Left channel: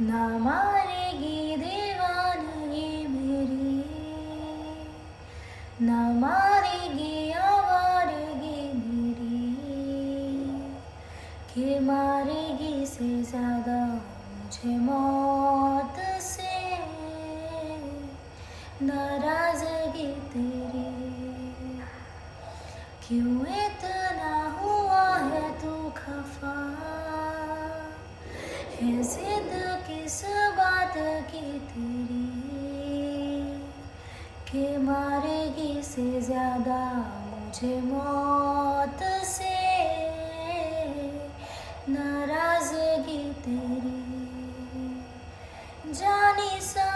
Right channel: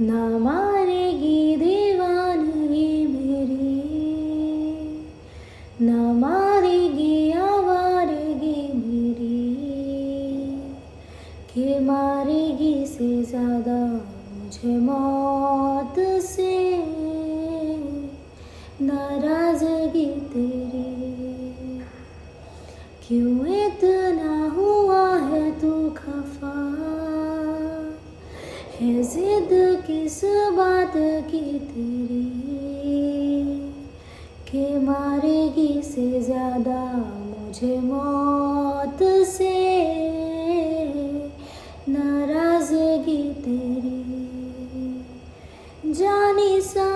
ना मारेगी दीवानगी मेरी, ना मारेगी आवारगी मेरी, कि मारेगी से ज़्यादा मुझे मौत से नाराज़गी तेरी। क्यों इतना हुआ है तू खफा, है जिद किस बात की तेरी, कि मारेगी से ज़्यादा मुझे मौत से नाराज़गी तेरी। जानी सा